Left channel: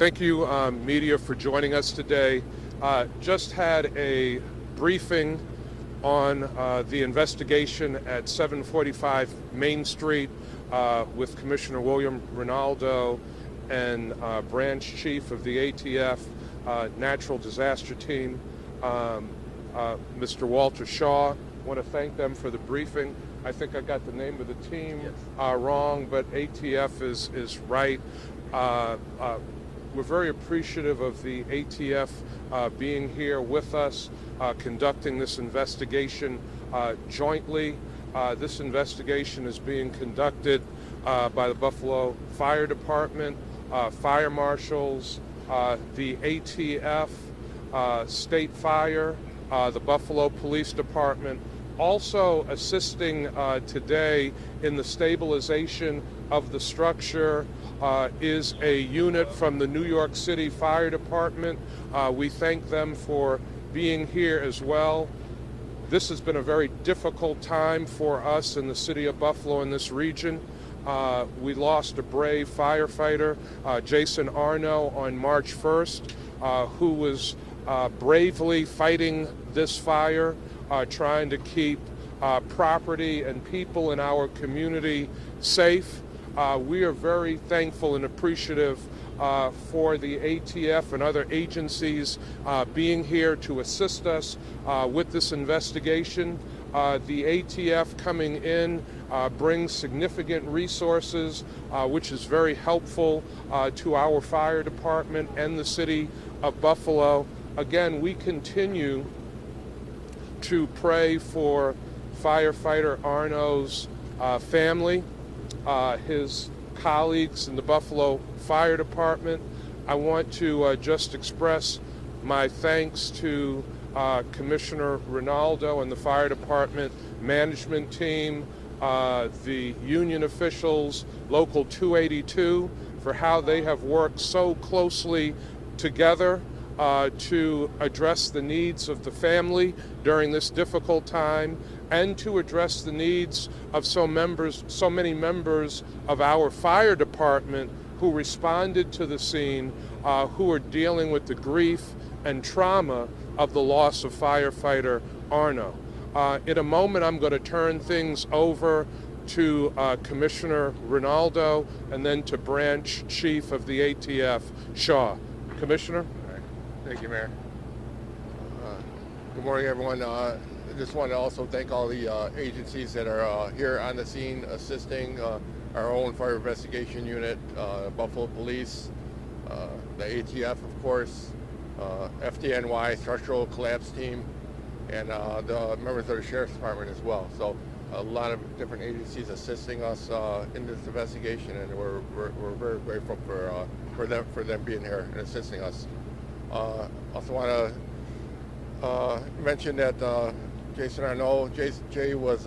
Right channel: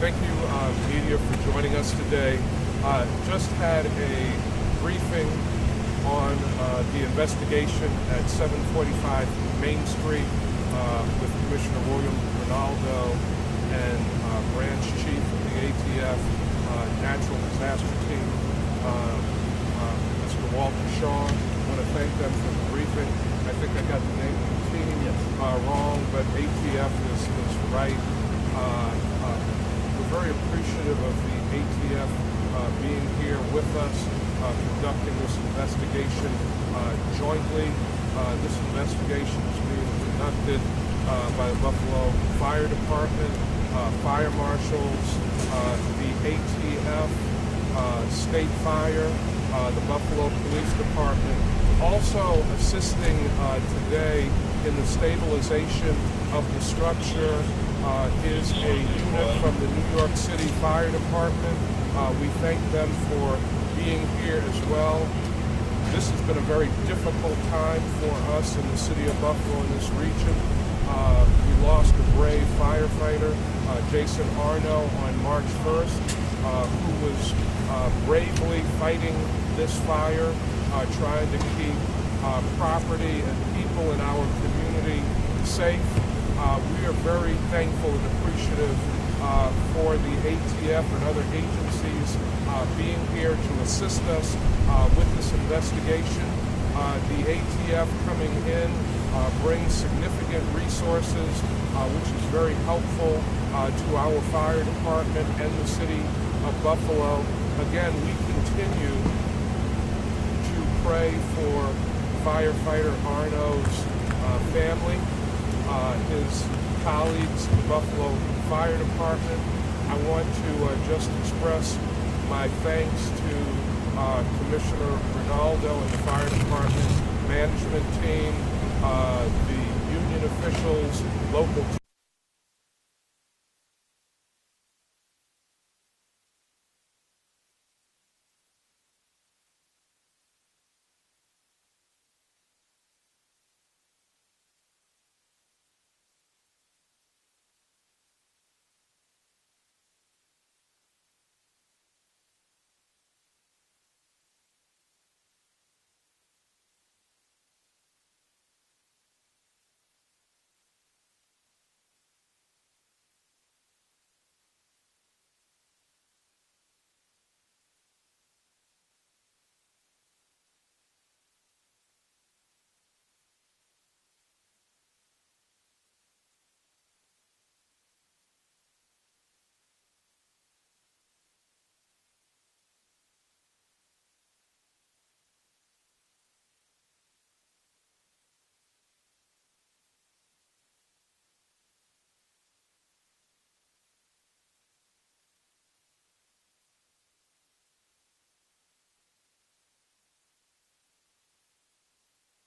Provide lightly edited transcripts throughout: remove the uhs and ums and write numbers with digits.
Thank you, media, for joining us today. Just had a briefing on the investigation at 745 Main Street with Commissioner William Ronaldo and Branch Chief of the ATF Natural Disaster Team, Mr. Walter Shaw. I want to thank them for the briefing. I think I got the name of the team wrong, but ATF is right. We're very appreciative of the ATF being here with us, conducting this investigation jointly. This investigation is being conducted by the Buffalo Fire Department, fire marshals, the ATF, State Fire, the Buffalo Police Department. Also assisting today in the stabilization of the structure is a unit from the New York City Fire Department. We thank them for being here as well. This has been a very difficult time for us in the city of Buffalo in this region. We lost a brave firefighter, Jason Arno, on March 1st, who was bravely fighting this fire, trying to keep property and people in our community safe. We are very thankful and appreciative for the ATF and other agencies being here to assist us with this investigation. The ATF coming in brings significant resources, which is very helpful to our fire department and the city of Buffalo. Again, we continue to pray for firefighter Arno's family, his colleagues in the Buffalo Fire Department. I want to just express my thanks to Commissioner Ronaldo and the Fire Department management team, the union officials, Local 282, for how they have worked so closely together to address the needs of the family during this difficult time, and to address the needs of so many members of our fire department who responded to the scene, who are dealing with the grief and trauma of the loss of firefighter Arno. In a moment, I'm going to turn things over to Commissioner Ronaldo and then to Branch Chief of the ATF, Shaw. Commissioner? Thank you, Mayor. Good morning, everyone. I just want to also thank all the agencies that are here on the scene assisting our own fire investigation unit, Buffalo Police, the ATF, of course, FDNY, Structural Collapse Team, and the members of the Sheriff's Department as well. So a lot of different agencies assisting us in this investigation, and we're very grateful for them being here and assisting us. Also want to mention that Jason Arno, Jay was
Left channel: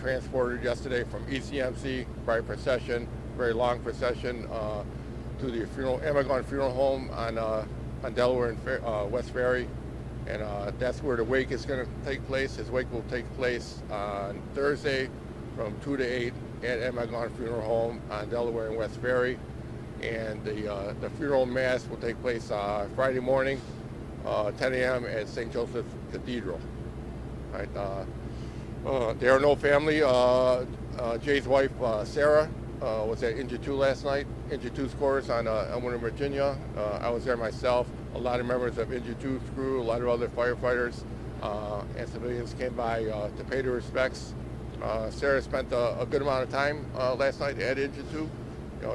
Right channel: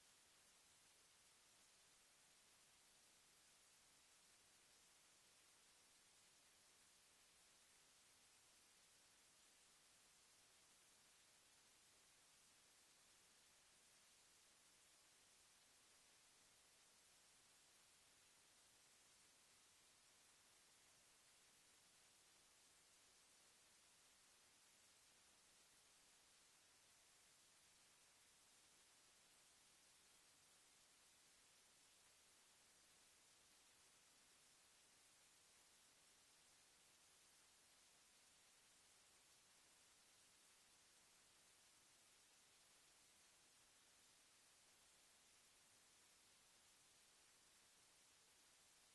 transported yesterday from ECMC by procession, very long procession, to the Amagon Funeral Home on Delaware and West Ferry, and that's where the wake is going to take place. His wake will take place on Thursday from 2 to 8 at Amagon Funeral Home on Delaware and West Ferry. And the funeral mass will take place Friday morning, 10 a.m. at St. Joseph's Cathedral. Right, the Arno family, Jay's wife, Sarah, was at Injured 2 last night, Injured 2's quarters on Elmwood, Virginia. I was there myself. A lot of members of Injured 2's crew, a lot of other firefighters and civilians came by to pay their respects. Sarah spent a good amount of time last night at Injured 2.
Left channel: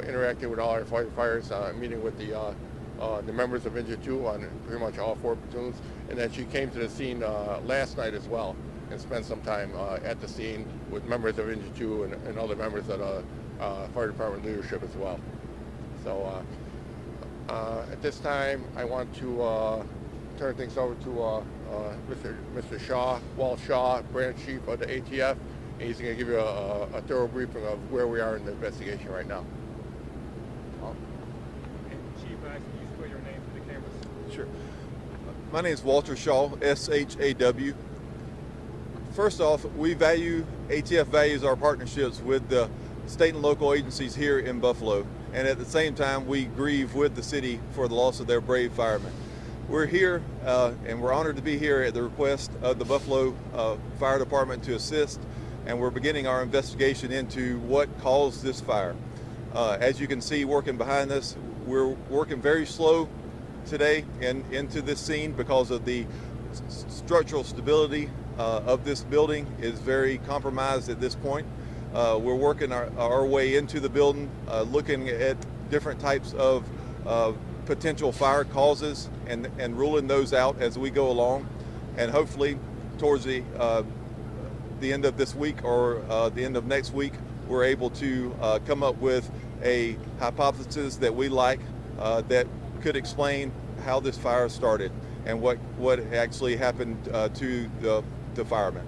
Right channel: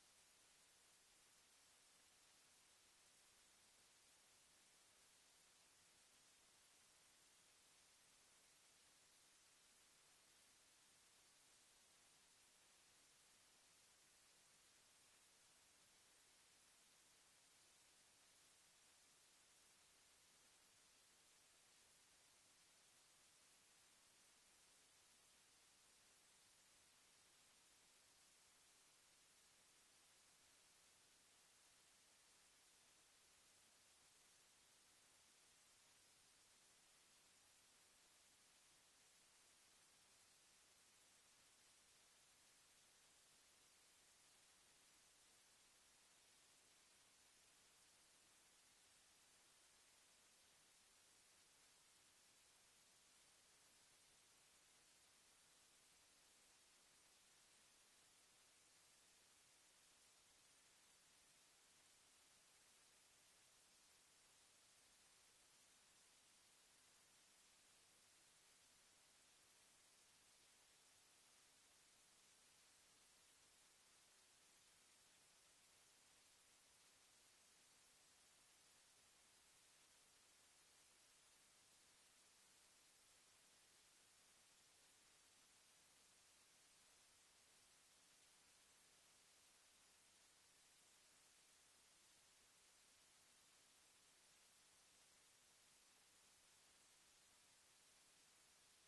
Interacting with all our firefighters, meeting with the members of Injured 2 on pretty much all 4 platoons, and then she came to the scene last night as well and spent some time at the scene with members of Injured 2 and other members of the fire department leadership as well. So at this time, I want to turn things over to Mr. Shaw, Walt Shaw, Branch Chief of the ATF, and he's going to give you a thorough briefing of where we are in the investigation right now. Chief, can you spell your name for the cameras? Sure. My name is Walter Shaw, S-H-A-W. First off, ATF values our partnerships with the state and local agencies here in Buffalo, and at the same time we grieve with the city for the loss of their brave firemen. We're here and we're honored to be here at the request of the Buffalo Fire Department to assist, and we're beginning our investigation into what caused this fire. As you can see working behind us, we're working very slow today and into this scene because of the structural stability of this building is very compromised at this point. We're working our way into the building, looking at different types of potential fire causes and ruling those out as we go along. And hopefully towards the end of this week or the end of next week, we're able to come up with a hypothesis that we like that could explain how this fire started and what actually happened to the firemen.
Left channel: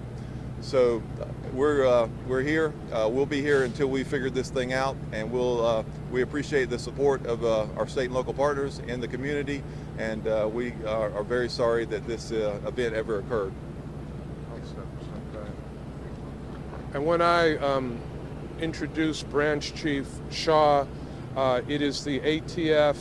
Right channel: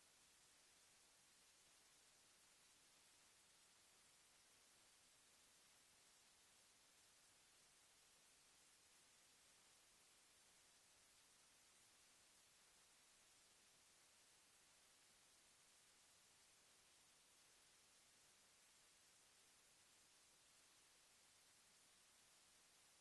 So we're here. We'll be here until we figure this thing out, and we appreciate the support of our state and local partners in the community, and we are very sorry that this event ever occurred. And when I introduce Branch Chief Shaw, it is the ATF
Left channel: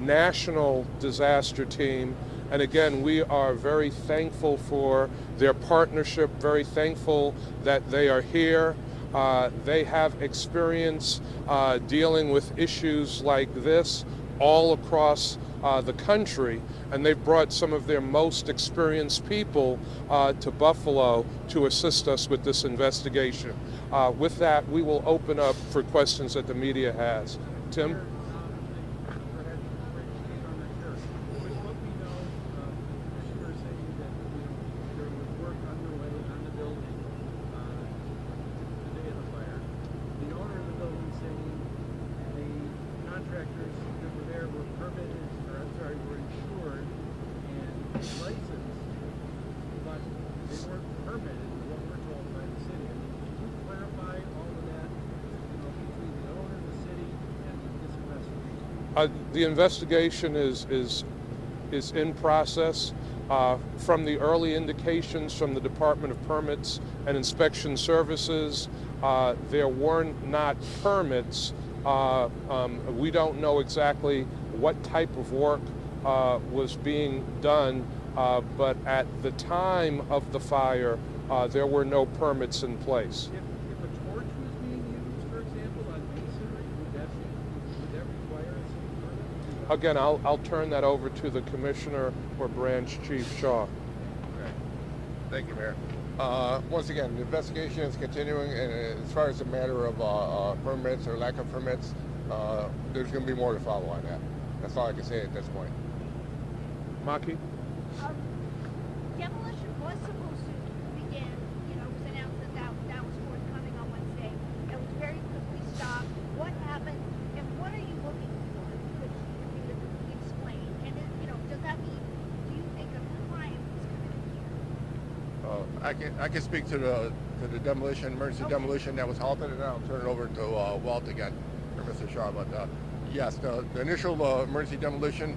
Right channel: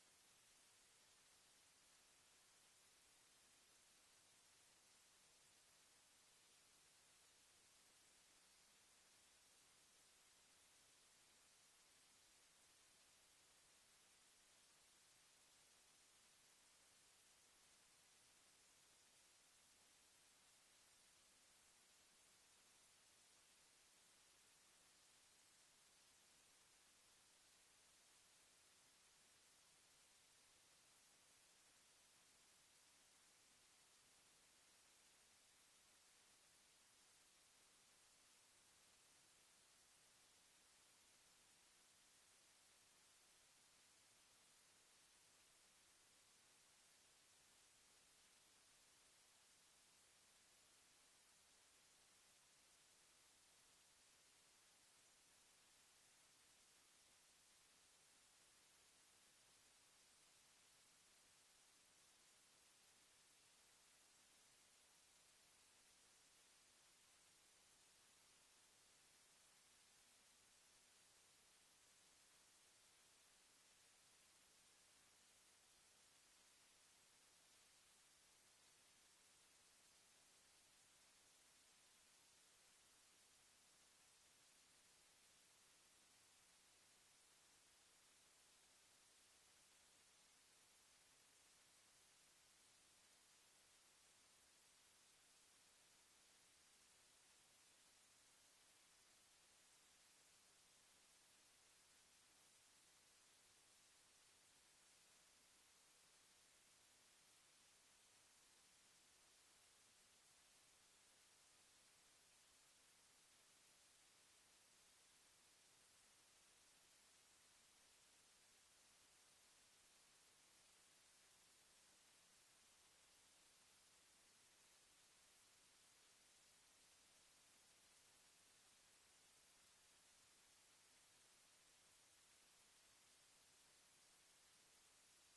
National Disaster Team. And again, we are very thankful for their partnership, very thankful that they are here. They have experience dealing with issues like this all across the country, and they've brought some of their most experienced people to Buffalo to assist us with this investigation. With that, we will open up for questions that the media has. Tim? The investigation is in process. From the early indications from the Department of Permits and Inspection Services, there were not permits. We don't know exactly what type of work was being done, but at the time of the fire, there were no permits in place. If a torch was being used, for example, on masonry, would that require a city permit? Again, I'll turn that over to the Commissioner or Branch Chief Shaw. Okay. Thank you, Mayor. Once again, the investigation is continuing, and as far as the matter of permits or lack of permits, there's going to be more to follow on that. That's all I can say at this point. Maki? Demolition was supposed to begin, it was announced that was forthcoming on Wednesday. It was very quickly stopped. What happened, and what are you looking for? Could you explain? And, does that mean, do you think a crime was committed here? I can speak to the demolition, emergency demolition that was halted, and I'll turn it over to Walt again, or Mr. Shaw. But yes, the initial emergency demolition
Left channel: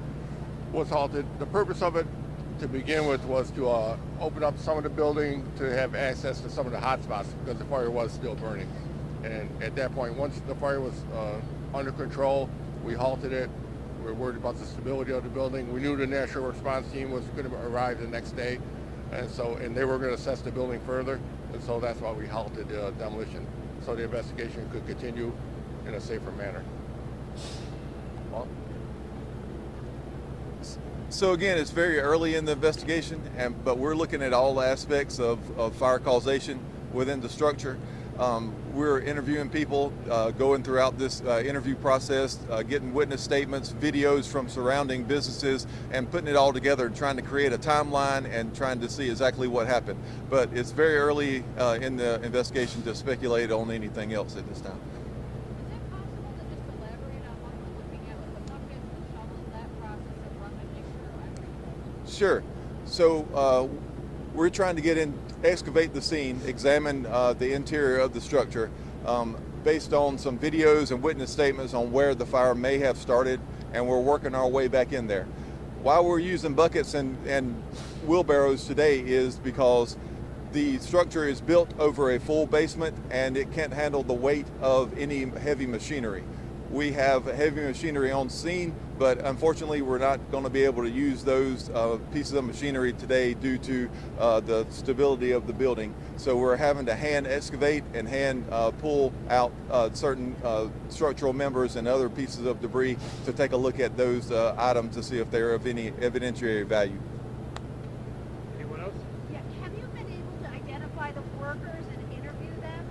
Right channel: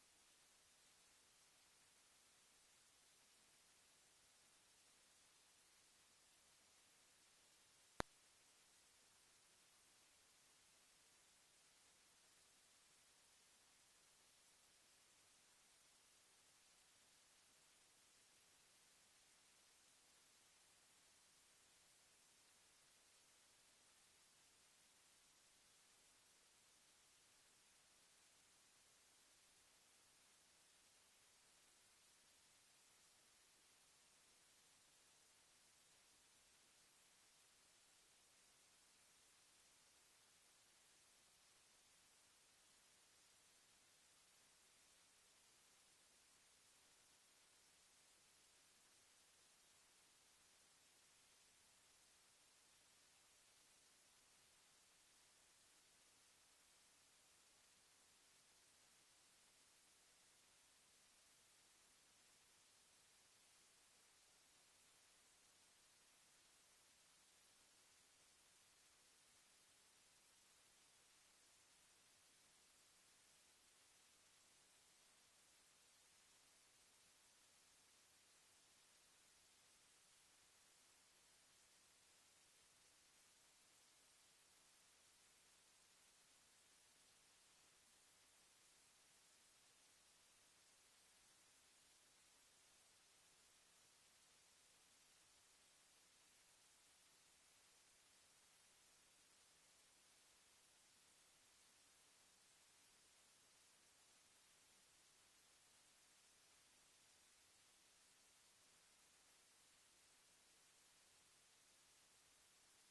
was halted. The purpose of it, to begin with, was to open up some of the building to have access to some of the hot spots because the fire was still burning. And at that point, once the fire was under control, we halted it. We were worried about the stability of the building. We knew the national response team was going to arrive the next day, and they were going to assess the building further, and so that's why we halted the demolition, so the investigation could continue in a safer manner. Well, So again, it's very early in the investigation, but we're looking at all aspects of fire causation within the structure. We're interviewing people, going throughout this interview process, getting witness statements, videos from surrounding businesses, and putting it all together and trying to create a timeline and trying to see exactly what happened. But it's very early in the investigation to speculate on anything else at this time. Is it possible to just elaborate on what we're looking at with the buckets and shovels, that process of rummaging through everything? Sure. So we're trying to excavate the scene, examine the interior of the structure based on some videos and witness statements on where the fire may have started, and we're working our way back in there. Why we're using buckets and wheelbarrows today is because The structure is built over a full basement and it can't handle the weight of any heavy machinery. We have heavy machinery on scene, but unfortunately we're not going to be able to use those pieces of machinery today due to the stability of the building. So we're having to hand excavate and hand pull out certain structural members and other pieces of debris to take a look at those items to see if they're of any evidentiary value. Anyone else? Yeah, have you been able to identify the workers and interview them?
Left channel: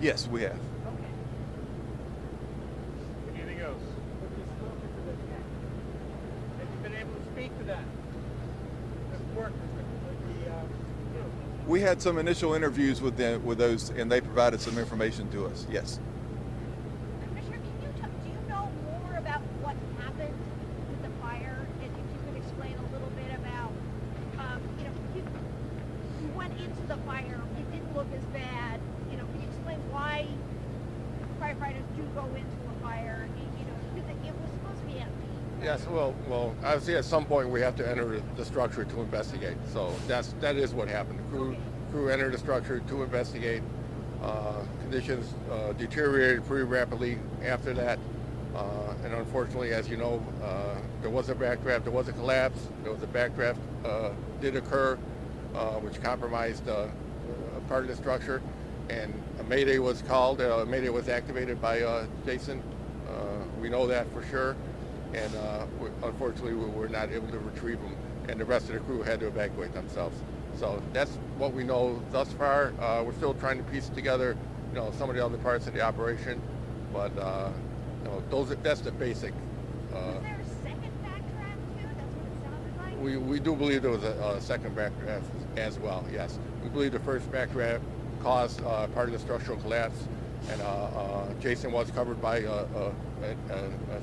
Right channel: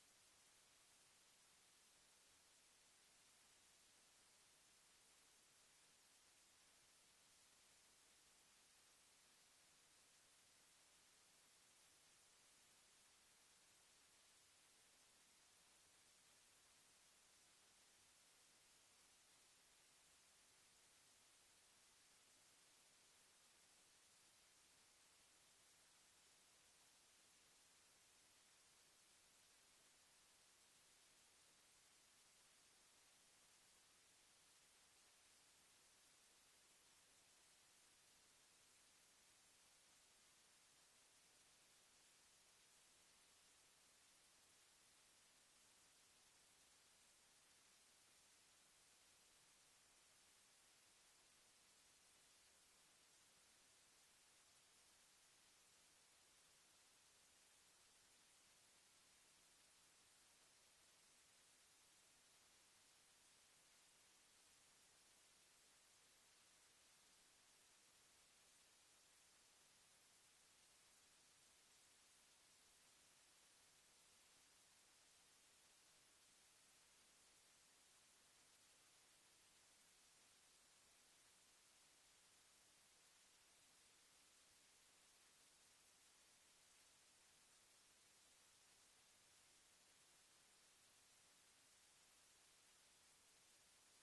Yes, we have. Okay. Anything else? Have you spoken to them yet? Have you been able to speak to them? The workers, We had some initial interviews with them, with those, and they provided some information to us. Yes. Commissioner, do you know more about what happened with the fire? And if you could explain a little bit about, you went into the fire, it didn't look as bad. Can you explain why firefighters do go into a fire? Because it was supposed to be empty. Yes, well, obviously at some point we have to enter the structure to investigate. So that is what happened. The crew entered the structure to investigate. Conditions deteriorated pretty rapidly after that. And unfortunately, as you know, there was a backdraft, there was a collapse, there was a backdraft did occur, which compromised part of the structure. And a mayday was called, a mayday was activated by Jason. We know that for sure. And unfortunately, we were not able to retrieve them, and the rest of the crew had to evacuate themselves. So that's what we know thus far. We're still trying to piece together, some of the other parts of the operation, but that's the basic. Was there a second backdraft too? That's what it sounded like. We do believe there was a second backdraft as well. Yes, we believe the first backdraft caused part of the structural collapse, and Jason was covered by a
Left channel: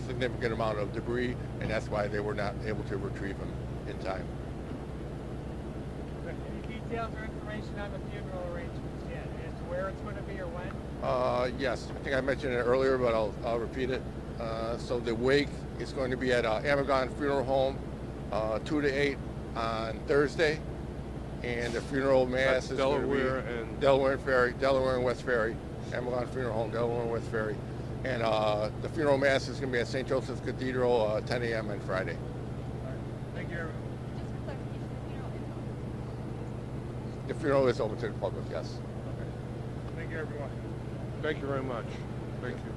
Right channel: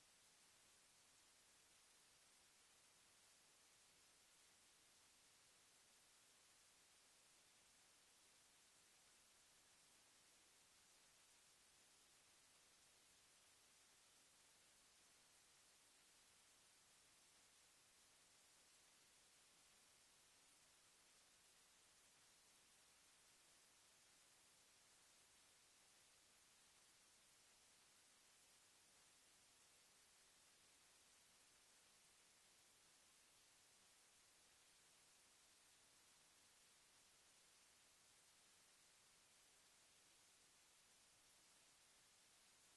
significant amount of debris, and that's why they were not able to retrieve him in time. Any details or information on the funeral arrangements yet? As to where it's going to be or when? Yes, I think I mentioned it earlier, but I'll repeat it. So the wake is going to be at Amagon Funeral Home, 2 to 8 on Thursday, and the funeral mass That's is Delaware going to be and Delaware and West Ferry, Amagon Funeral Home, Delaware and West Ferry, and the funeral mass is going to be at St. Joseph's Cathedral, 10 a.m. on Friday. Thank you, everyone. Just for clarification, The funeral is open to the public, yes. Thank you, everyone. thank you very much. Thank you.